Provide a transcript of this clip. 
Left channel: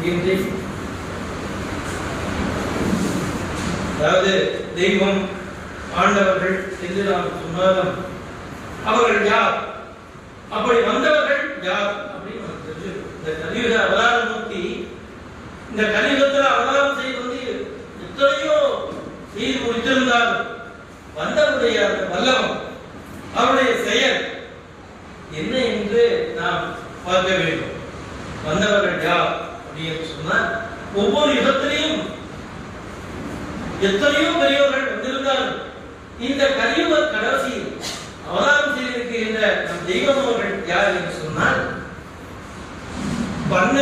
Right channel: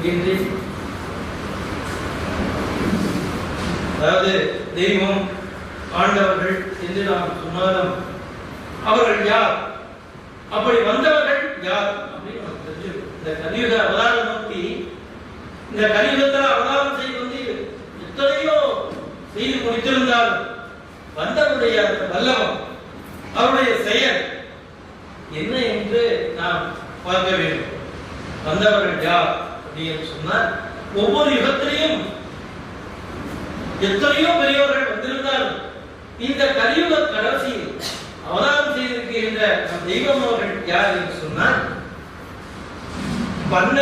என்கின்றேன். அதாவது தெய்வம் ஆண்டவர்கள் என்று நாம் சொன்னாலும் அவர்கள் யார், அப்படி வந்தவர்கள் யார் அப்படின்னு நமக்கு தெரிஞ்சிருக்கும். இந்த கலியுக அவதாரம் நோக்கி, இந்த கலியுகத்தில் அவதாரம் செய்வது எத்தனையோ செய்து முடித்திருந்தாலும் வந்தவருடைய வல்லவம், அவருடைய செயல் என்ன என்று நாம் பார்க்க வேண்டும். வந்தவர்கள் யார் அப்படின்னு சொன்னால், ஒவ்வொரு யுகத்திலையும் எத்தனையோ பெரியவர்கள் வந்திருந்தாலும் இந்த கலியுக கடைசியில் அவதாரம் செய்திருக்கின்ற நம் தெய்வம் அவர்கள் யார் என்று சொன்னால், வண்ண